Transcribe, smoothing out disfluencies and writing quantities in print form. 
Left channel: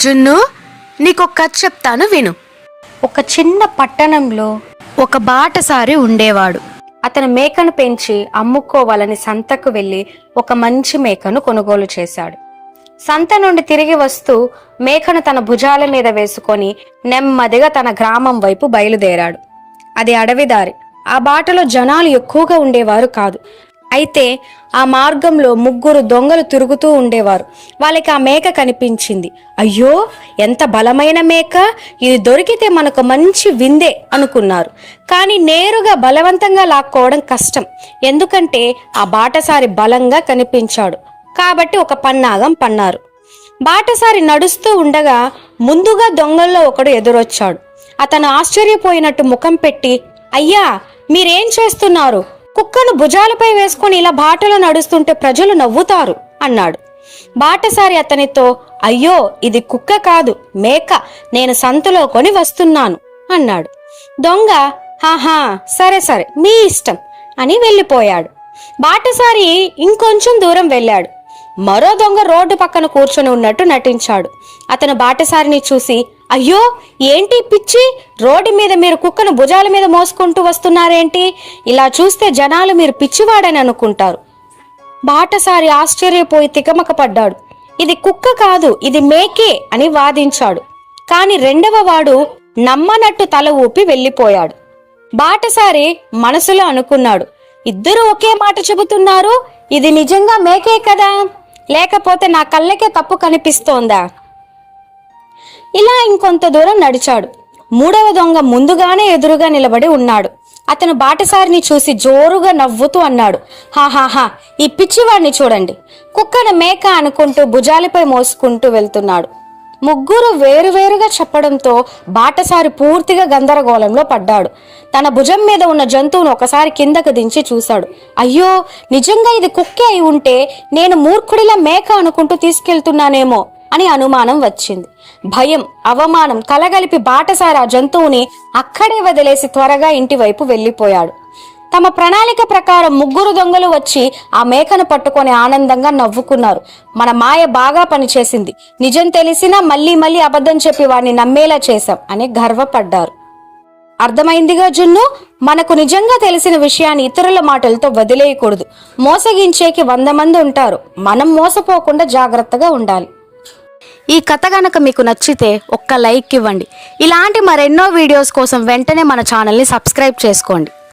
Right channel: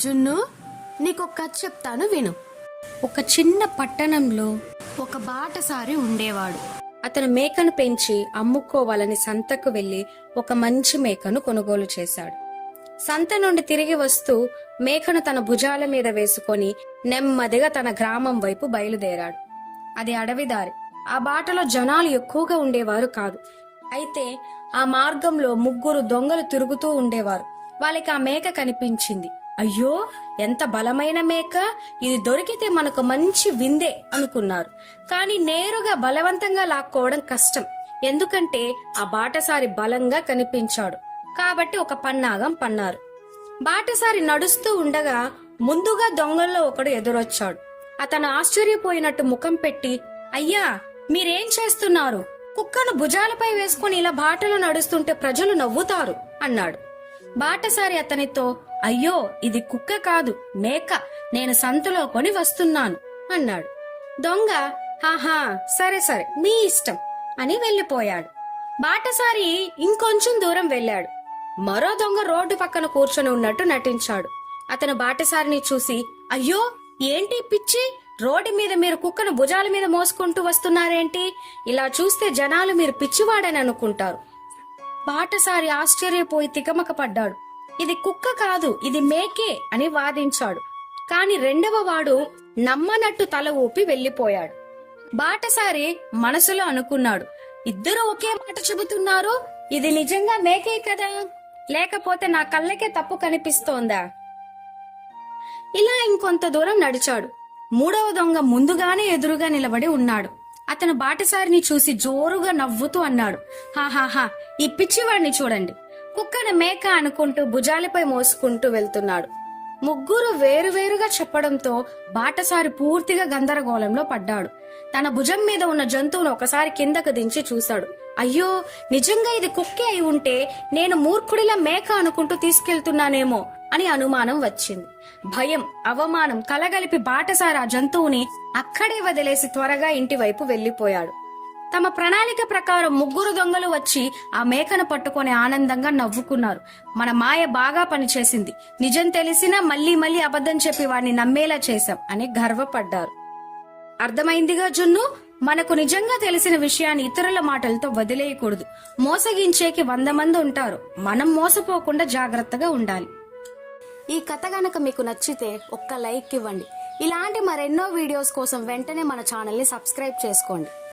జున్ను, నీకొక కథ చెప్తాను విను. ఒక చిన్న పట్టణంలో ఒక బాటసారి ఉండేవాడు. అతను మేకను పెంచి అమ్ముకోవాలని సంతకు వెళ్లి ఒక మంచి మేకను కొనుగోలు చేశాడు. సంత నుండి తిరిగి వస్తూ మేకను తన భుజాల మీద వేసుకొని నెమ్మదిగా తన గ్రామం వైపు బయలుదేరాడు. అది అడవిదారి. ఆ బాటలో జనాలు ఎక్కువగా ఉండేవారు కాదు. అయితే ఆ మార్గంలో 3 దొంగలు తిరుగుతూ ఉండేవారు. వాళ్ళకి ఆ మేక కనిపించింది. అయ్యో, ఎంత బలమైన మేక! ఇది దొరికితే మనకు మంచి విందే అనుకున్నారు. కానీ నేరుగా బలవంతంగా లాక్కోవడం కష్టం. ఎందుకంటే ఆ బాటసారి బలంగా కనిపించాడు. కాబట్టి ఒక పన్నాగం పన్నారు. బాటసారి నడుస్తూ ఉండగా ముందుగా దొంగల్లో ఒకడు ఎదురొచ్చాడు. అతను ఆశ్చర్యపోయినట్టు ముఖం పెట్టి, అయ్యా, మీరేం చేస్తున్నారు? కుక్కను భుజాలపై వేసుకుని ఇలా బాటలో నడుస్తుంటే ప్రజలు నవ్వుతారు అన్నాడు. బాటసారి అతనితో, అయ్యో, ఇది కుక్క కాదు, మేక. నేను సంతలో కొని వస్తున్నాను అన్నాడు. దొంగ, హాహా, సరే సరే, మీ ఇష్టం అని వెళ్ళిపోయాడు. బాటసారి ఇంకొంచెం దూరం వెళ్ళాడు. మరో దొంగ రోడ్డు పక్కన కూర్చొని ఉన్నట్టు నటించాడు. అతను బాటసారిని చూసి, అయ్యో, ఏంటి పిచ్చి, రోడ్డు మీద మీరు కుక్కను భుజాల మీద మోసుకుంటూ వస్తున్నారేంటి? ఇలా చూస్తే జనాలు మీరు పిచ్చివాడని అనుకుంటారు. బాటసారి ఆశ్చర్యపోయి తికమక పడ్డాడు. ఇది కుక్క కాదు, ఇది మేకే అని వాదించాడు. కాని రెండవ వాడు నమ్మనట్టు తల ఊపి వెళ్ళిపోయాడు. బాటసారి మనసులో అనుకున్నాడు, ఇద్దరు ఒకే మాట చెబుతున్నారు. ఇది నిజంగా మేకే కదా, లేకపోతే నా కళ్ళకే తప్పు కనిపిస్తోందా? ఇలా ఇంకొంత దూరం నడిచాడు. 3వ దొంగ ముందుగానే ఎదురుగా నిలబడి ఉన్నాడు. అతను బాటసారిని చూసి జోరుగా నవ్వుతూ అన్నాడు, హాహాహా, ఈ పిచ్చివాడిని చూడండి, కుక్కను మేక అనుకుంటూ భుజాలపై మోసుకుంటూ వెళ్తున్నాడు. 3 వేరువేరుగా చెప్పడంతో బాటసారి పూర్తిగా గందరగోళంలో పడ్డాడు. తన భుజం మీద ఉన్న జంతువును ఒకసారి కిందకు దించి చూశాడు. అయ్యో, నిజంగా ఇది కుక్కే అయి ఉంటే నేను మూర్ఖుడిలా మేక అనుకుంటూ తీసుకెళ్తున్నానేమో అని అనుమానం వచ్చింది. భయం, అవమానం కలగలిపి బాటసారి ఆ జంతువుని అక్కడే వదిలేసి త్వరగా ఇంటి వైపు వెళ్లిపోయాడు. తమ ప్రణాళిక ప్రకారం 3 దొంగలు వచ్చి ఆ మేకను పట్టుకొని ఆనందంగా నవ్వుకున్నారు. మన మాయ బాగా పనిచేసింది, నిజం తెలిసినా మళ్ళీ మళ్ళీ అబద్ధం చెప్పి వాడిని నమ్మేలా చేశాం అని గర్వపడ్డారు. అర్థమైందిగా జున్ను, మనకు నిజంగా తెలిసిన విషయాన్ని ఇతరుల మాటలతో వదిలేయకూడదు. మోసగించేకి 100 మంది ఉంటారు. మనం మోసపోకుండా జాగ్రత్తగా ఉండాలి. ఈ కథ గనక మీకు నచ్చితే ఒక్క లైక్ ఇవ్వండి. ఇలాంటి మరెన్నో వీడియోస్ కోసం వెంటనే మన ఛానల్ని సబ్స్క్రైబ్ చేసుకోండి.